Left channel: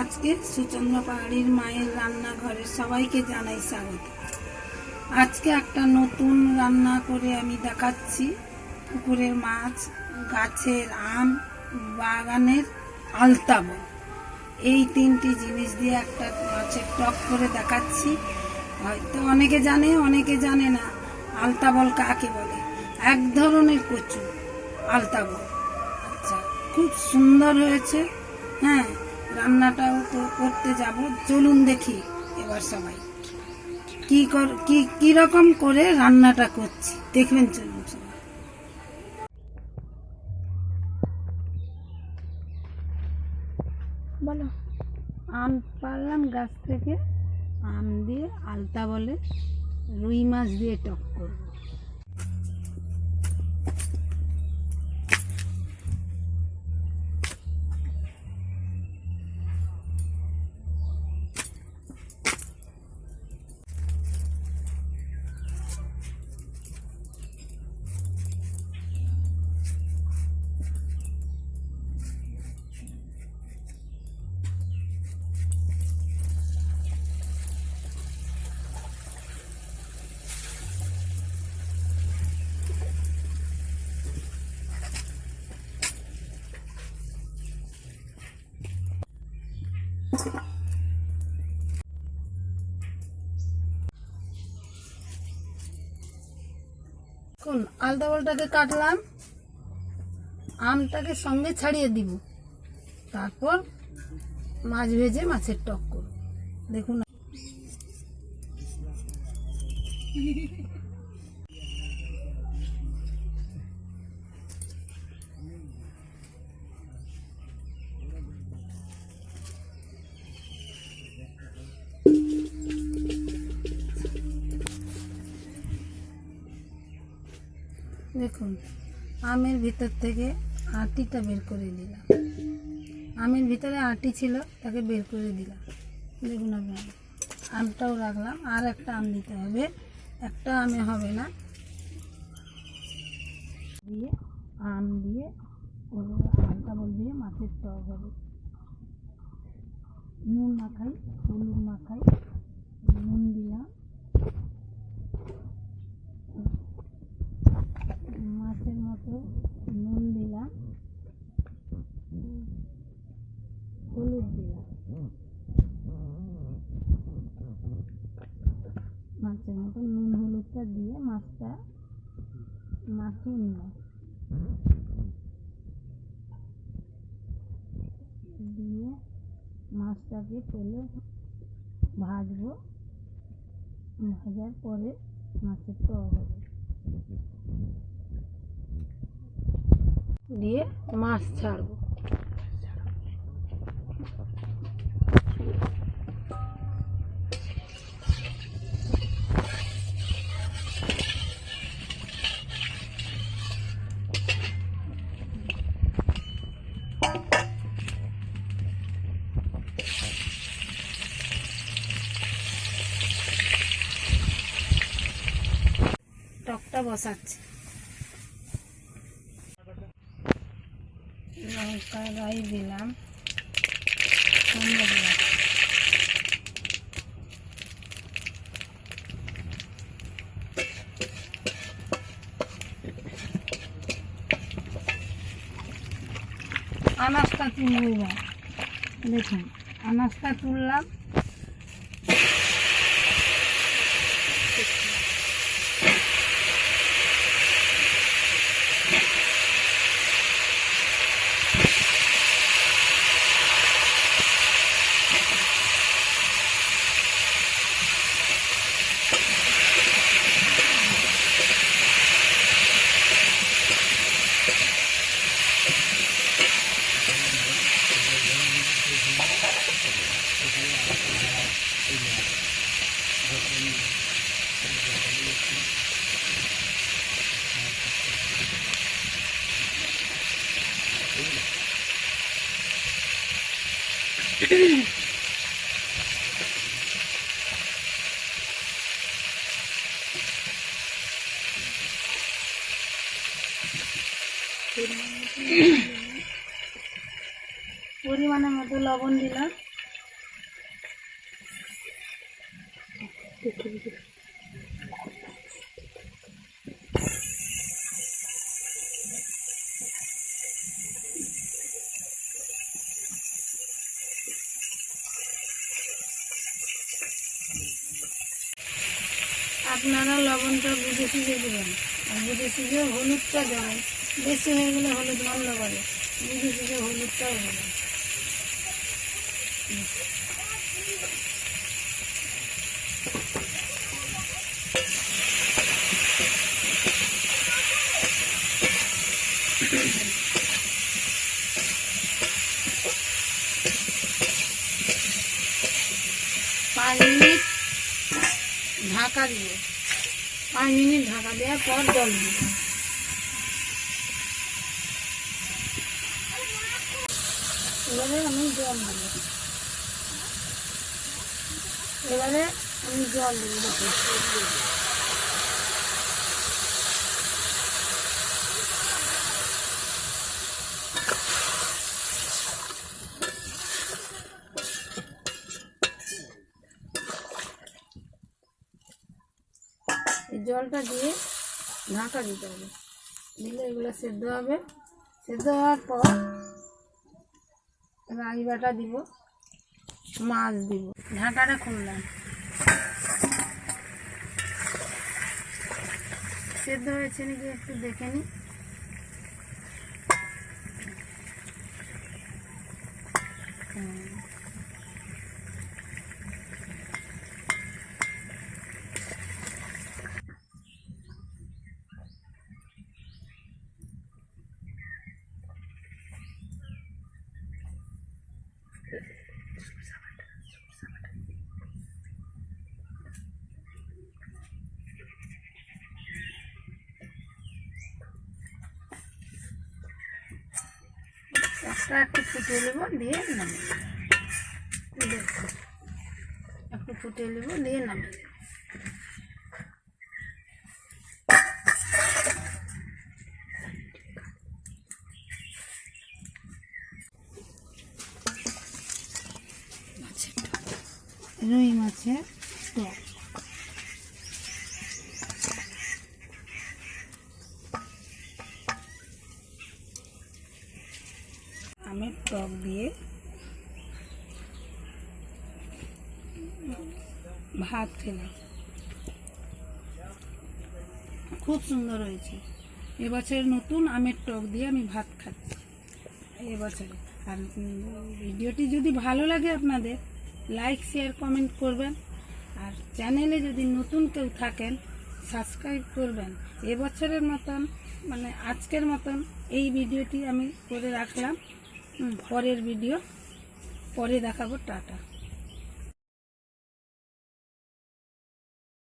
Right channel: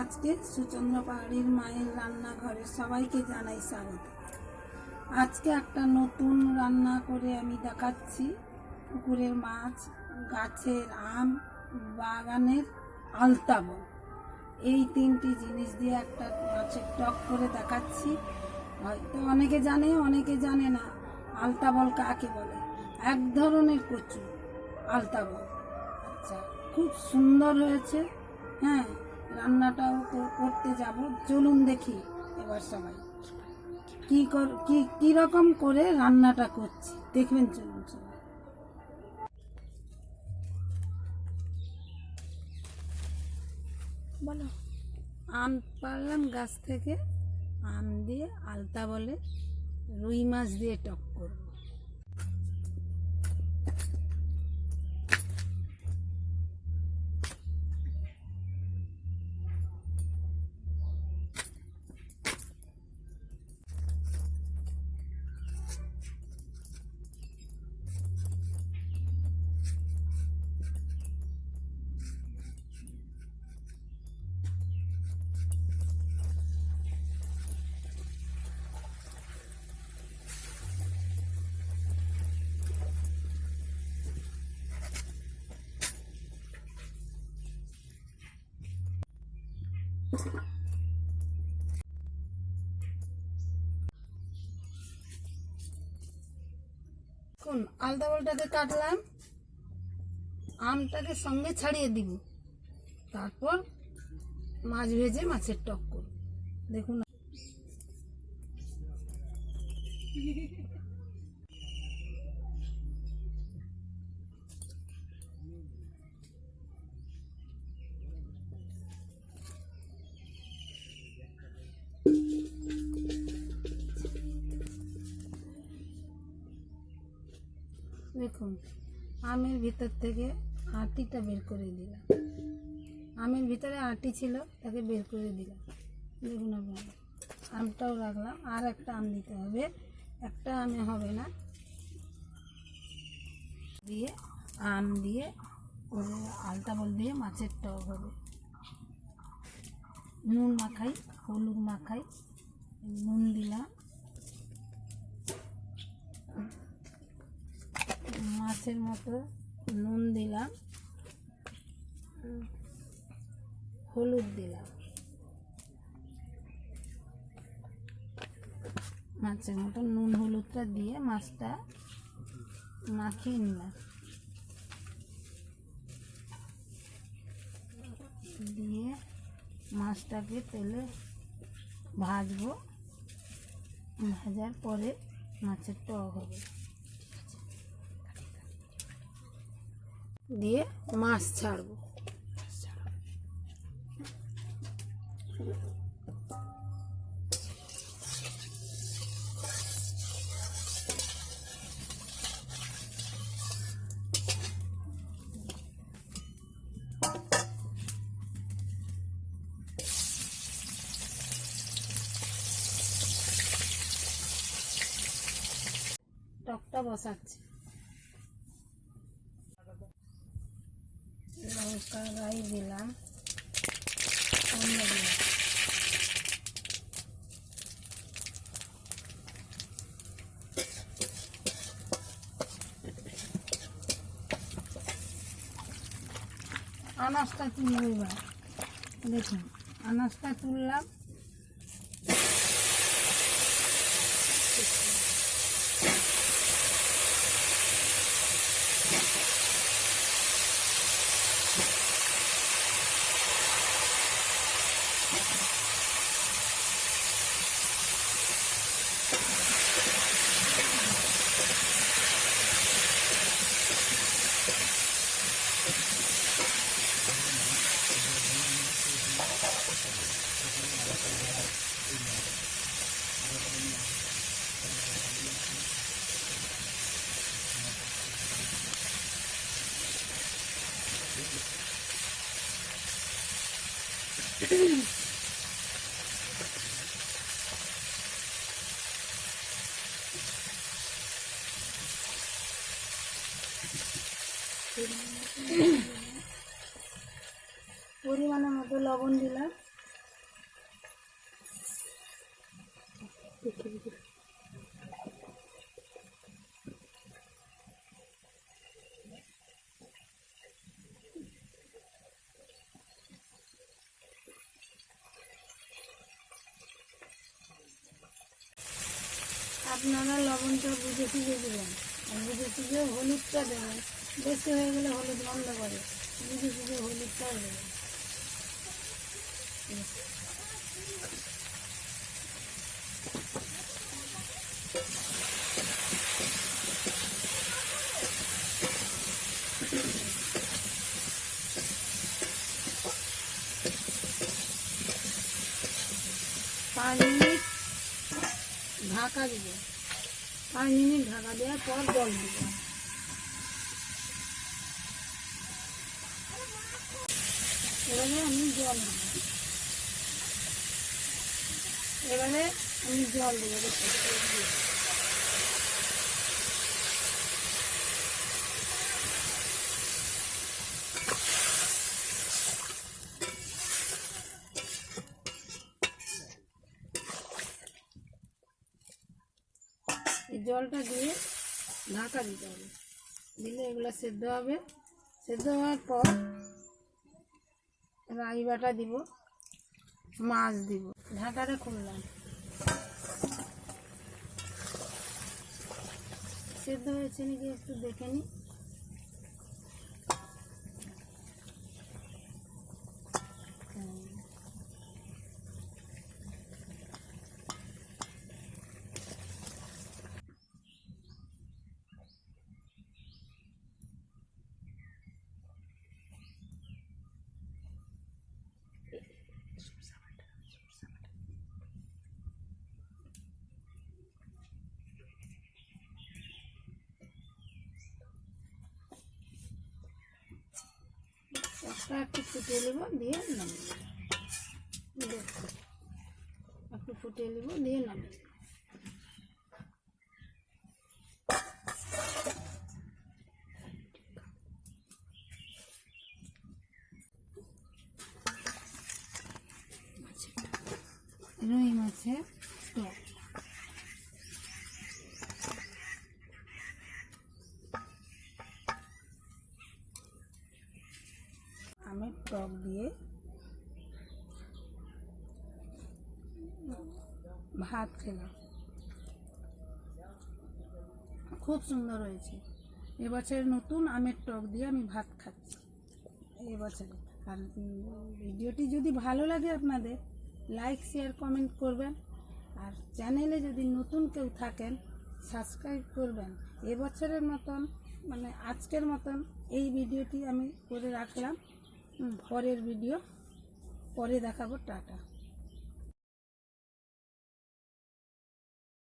আজকে সুচন্দ্র পাহাড়ির মায়ের রান্নাঘরে সবাইকে জানাই স্বাগত। আজকে একটা নতুন রান্না করে আমি দেখাচ্ছি। পুকুরের মাছ, গাছের আম, বাগানের আলতা বল, এই তিনটি জিনিস দিয়ে একটা মাছের টক করে দেখাচ্ছি। হয়তো অনেকে জানে, অনেকে জানে না আলতা বল কাকে বলে। এক ধরনের কচু আলতা বল। আচ্ছা, খুব সুন্দর হয়েছে। হ্যাঁ, রান্নাটাও তো করতে যাব, চলুন দেখি এবার সবাই কি রকম করে রান্নাটা করছি, দেখবেন। চলুন সবাই। বলো। আম পারলাম গাছ থেকে, আম দিয়ে আলতা বলে রুই মাছ দিয়ে টক করব। আলতা বলটাকে কাটলাম, আমটাকে সঙ্গে ছাড়িয়ে দিব, তারপর মাছ ভেজে মাছের টক করব। দেখুন, দেখুন আমের ভিতর থেকে আটিটা বের করে দিলাম। আমের ভিতরে আটি ছিল, তাকে বের করে দিলাম। দেখুন আপনারা, আমটাও রাখলাম। আর একটা আম দিতে হবে, একটা আমে হবে না। দিয়ে আম দিয়ে আলতা বল দিয়ে মাছের টক হবে। নুন মাখাই, হলুদ মাখাই, নুন দিলাম, মাছের মতো নুন দিলাম, হলুদ দিলাম, মাছের মতো নুন হলুদটা দিয়ে মাছটা মাখিয়ে নিলাম। দিয়ে মাছটাকে তেলে ভাজবো, ভাজার পরে মাছের টক হবে। দিয়ে মাছ ছাড়বো। টকটা বসাচ্ছি। লঙ্কা রাই দিলাম, আনাজটা তুলব। এবার দেখুন, আনাজটা তুললাম। পরিমাণের মতো লবণ দিলাম, আপনারা লবণটা বুঝে সুঝে দেবেন, আর বুঝে সুঝে হলুদটা দেবেন। বেশি হয়ে গেলে হলুদ গন্ধ করে, বুঝে সুঝে হলুদটাও দেবেন। পাঁচ মিনিট ঢাকা দিব, 5 মিনিট ঢাকা দেওয়ার পর জল দিব। এবারে আমি জল দেবো, এই জলটা দিয়ে ঢাকা দিতে হবে, দিলে এগুলো সেদ্ধ হবে। সেদ্ধ হওয়ার পর রাই বাটা দিব, মাছ দিব। ঢাকাটা খুললাম, সেদ্ধ হয়েছে নাকি একটু দেখে নিই। একটা একটু ফুটিয়ে নেব, দিয়ে নামিয়ে একটু ফুটিয়ে নেব, দিয়ে নামিয়ে রুই মাছের টক। আমের টক দিয়ে ভাত খেলাম, খুব সুন্দর হয়েছে। এবছর নতুন আমের টক দিয়ে আমি ভাত খাচ্ছি এবছরে। আর ভিডিওটি যদি ভালো লাগে আপনাদের, লাইক শেয়ার কমেন্ট করবেন, আর চ্যানেলে যদি নতুন কেউ থাকেন সাবস্ক্রাইব করবেন। এবছরের মতন মানে আজকের মতন এই ভিডিওটি আমি করে রাখলাম। পরের ভিডিও পরে দেখাবো। টাটা।